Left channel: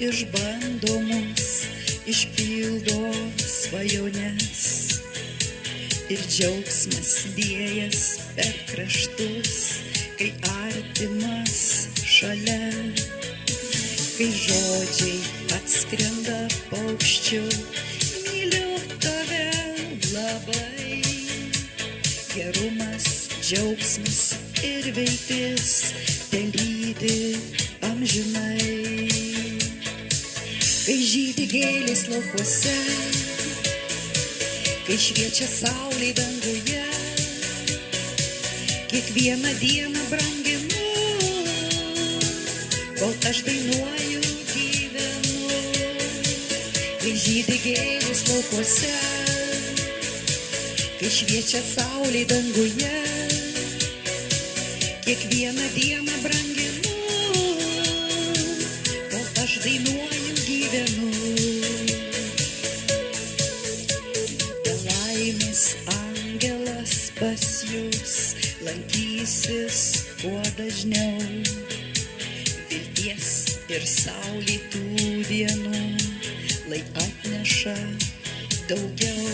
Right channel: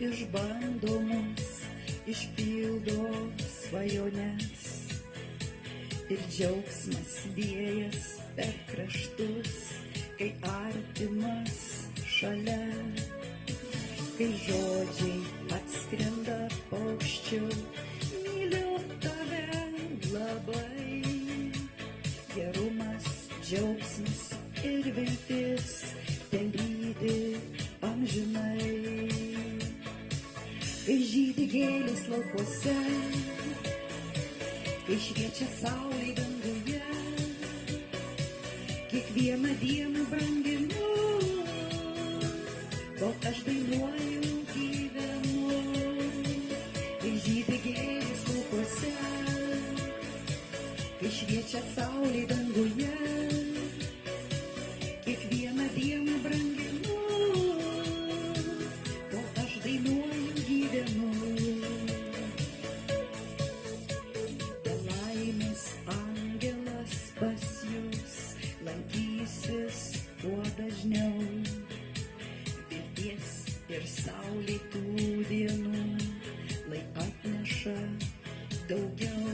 išbando mus, išpildo svajones. Ir džiaugsmas liejas per kraštus, kai artimas šalia. Kai žodžiai atskrenda paukščiu, myliu tave labai. Gerumas, džiaugsmas ir viltis telydi amžinai. Kai žydi gėlės laukuose, kai šviečia saulė danguje, kiekvieną dieną branginu, kol aš dainuoju, gyvenu. Kai žydi gėlės laukuose, kai šviečia saulė danguje, kiekvieną dieną branginu, kol aš dainuoju, gyvenu. Laimės angelas pas jūs lankysis kuo dažniau. Vilties ir saulėtų dienų lai atneša daugiau.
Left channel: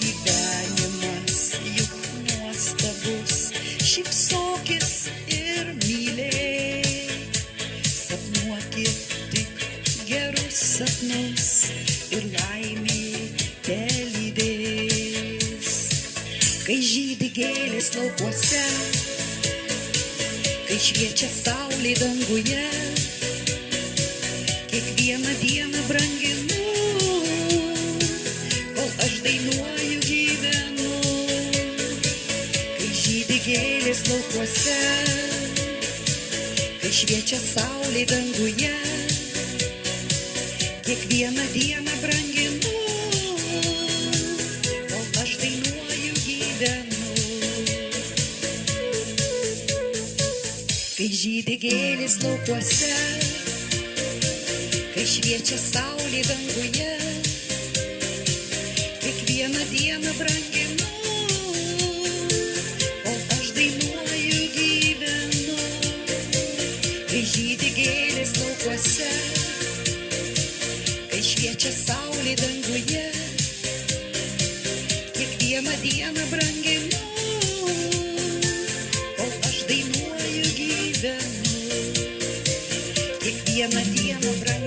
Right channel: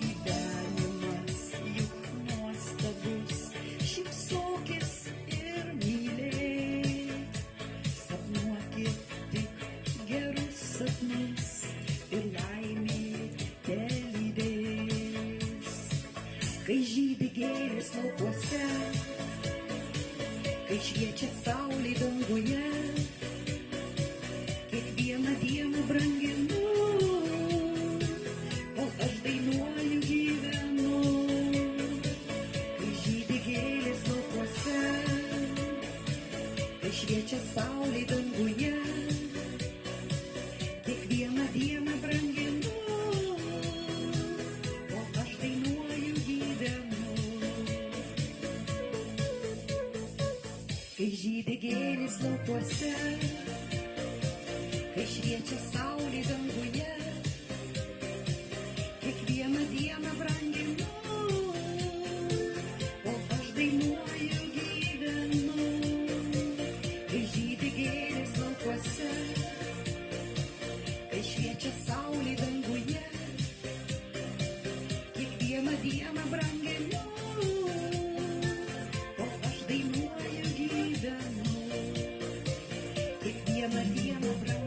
Gyvenimas juk nuostabus, šypsokis ir mylėk. Sapnuokit tik gerus sapnus ir laimė telydės. Kai žydi gėlės laukuose, kai šviečia saulė danguje, kiekvieną dieną branginu, kol aš dainuoju, gyvenu. Kai žydi gėlės laukuose, kai šviečia saulė danguje, kiekvieną dieną branginu, kol aš dainuoju, gyvenu. Kai žydi gėlės laukuose, kai šviečia saulė danguje, kiekvieną dieną branginu, kol aš dainuoju, gyvenu. Kai žydi gėlės laukuose, kai šviečia saulė danguje, kiekvieną dieną branginu, kol aš dainuoju, gyvenu. Kiekvieną dieną branginu.